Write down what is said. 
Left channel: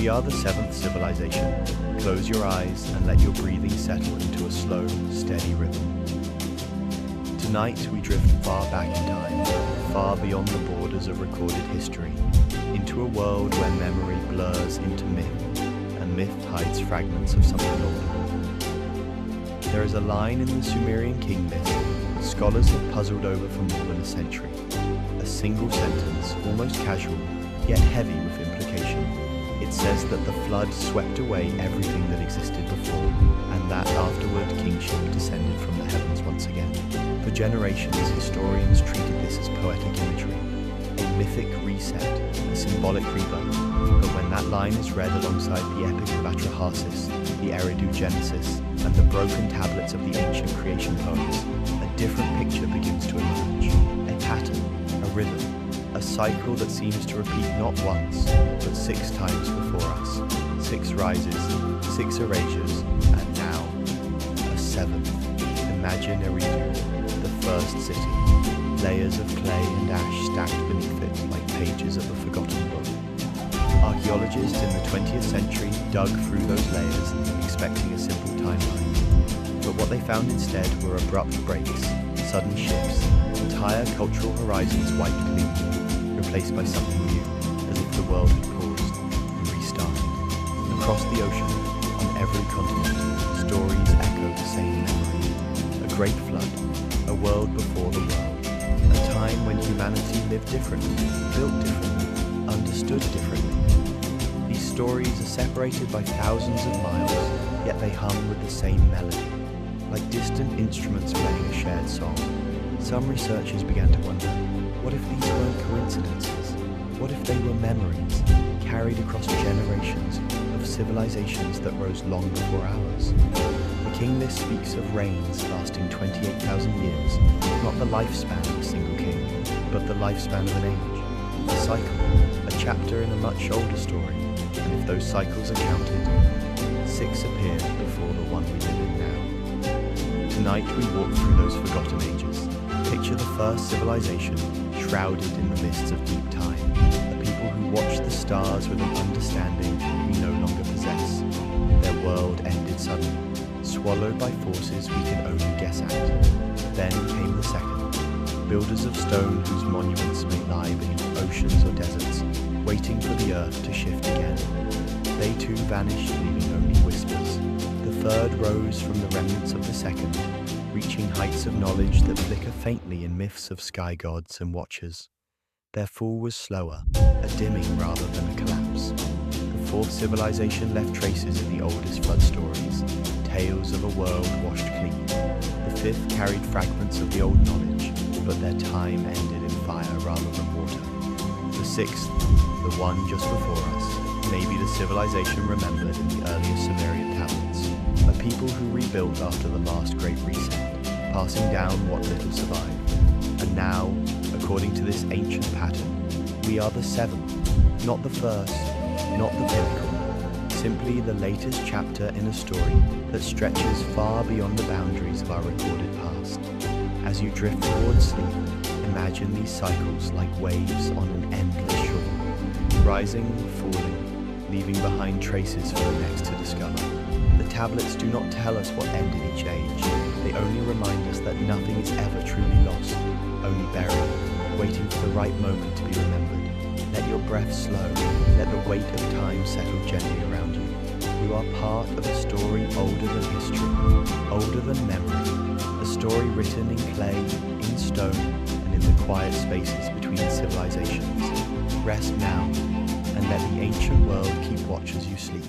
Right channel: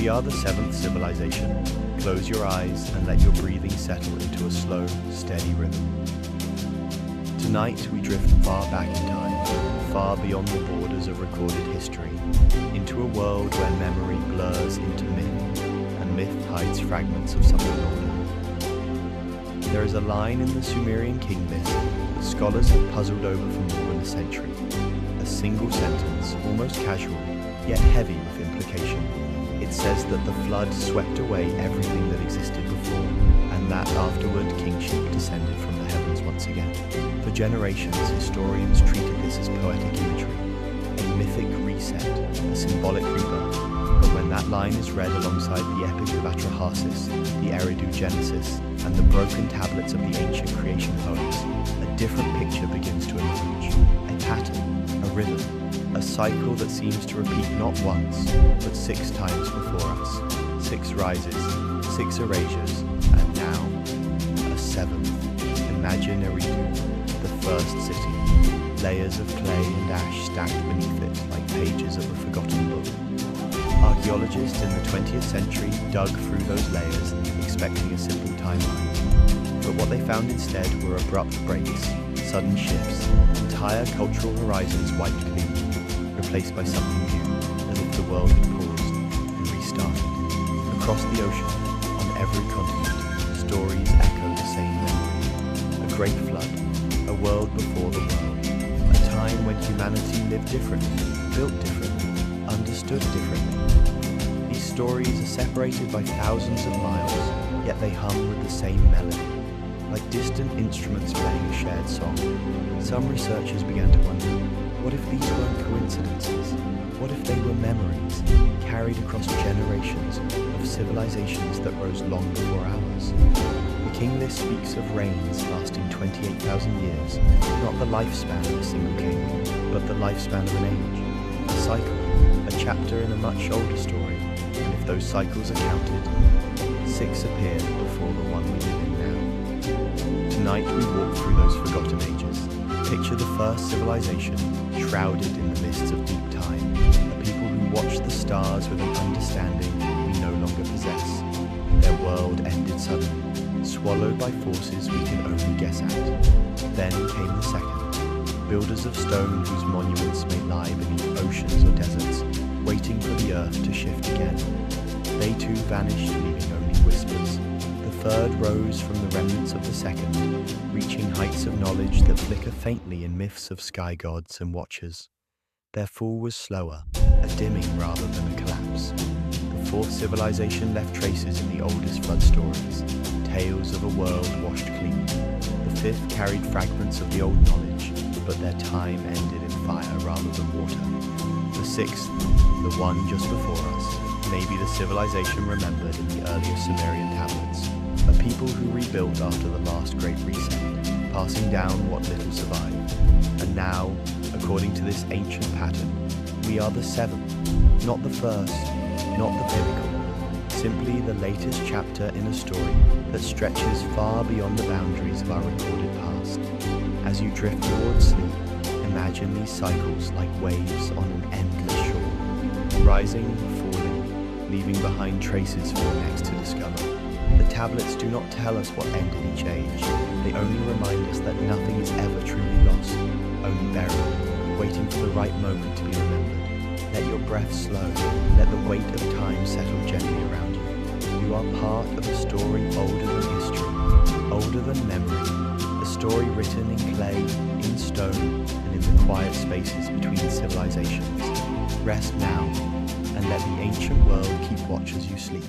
We are the seventh civilization. Close your eyes and let your breathing settle into a slow, steady rhythm. Tonight we drift far back in time, far beyond the borders of recorded history, into a world where memory blurs into myth, and myth hides fragments of something older. There is a line in the Sumerian king list that scholars have puzzled over for more than a century. A single sentence, almost casual, yet heavy with implication. It says that the flood swept away everything that existed before, and that afterward kingship descended from the heavens once again. For generations, historians treated this as poetic imagery, a mythic reset, a symbolic rebirth. But when that line is read alongside the epic of Atrahasis, the Eridu Genesis, and the broken tablets of the ancient creation poems, a different picture begins to emerge. A pattern, a rhythm, a cycle that seems to repeat not once, but 6 times before us. 6 rises, 6 erasures, and now, a 7th. Imagine Eridu, the first city, layers of clay and ash stacked beneath it like pages of a forgotten book. Archaeologists in the 20th century dug through those layers, expecting a simple timeline. But what they found instead were abrupt breaks, sudden shifts, entire cultural horizons wiped clean, replaced by something new, as if the world had paused and restarted. Across the ocean, on every continent, stories echo the same memory. A great flood, a world before the world, a time when humanity lived differently, built differently, understood differently. These stories are separated by thousands of miles, yet they hum with the same melody, like distant instruments playing a shared song. Some researchers began to wonder, what if these weren't coincidences? What if they were memories, carried across generations of civilizations that rose long before ours? The king list speaks of reigns lasting 28,000 years, not the lifespan of a single king, but the lifespan of an age, a cycle, a chapter in a much older story. And if those cycles are counted, 6 appeared before the one we live in now. Tonight we walk through those forgotten ages. Picture the first civilization, shrouded in the mists of deep time, a people who watch the stars with an understanding we no longer possess. Their world ended suddenly, swallowed by forces we can only guess at. Then came the second, builders of stone whose monuments may lie beneath oceans or deserts, waiting for the earth to shift again. They too vanished, leaving only whispers. The third rose from the remnants of the second, reaching heights of knowledge that flicker faintly in myths of sky gods and watchers. Their fall was slower, a dimming rather than a collapse. The fourth civilization left traces in the oldest flood stories, tales of a world washed clean. The fifth carried fragments of the old knowledge, but their time ended in fire rather than water. The sixth, the one just before us, may be the civilization remembered in the earliest Sumerian tablets, a people who rebuilt after the last great reset, passing down what little survived. And now, according to this ancient pattern, we are the seventh, not the first, not the pinnacle, simply the latest chapter in a story that stretches far beyond the boundaries of our recorded past. As you drift towards sleep, imagine these cycles like waves on an endless shore, rising, falling, leaving behind traces for the next to discover. The tablets do not tell us what ended each age. They only remind us that nothing is ever truly lost, only buried, waiting for the right moment to be remembered. Let your breath slow. Let the weight of time settle gently around you. You are part of a story older than history, older than memory. A story written in clay, in stone, and in the quiet spaces between civilizations. Rest now, and let the ancient world keep watch as you sleep.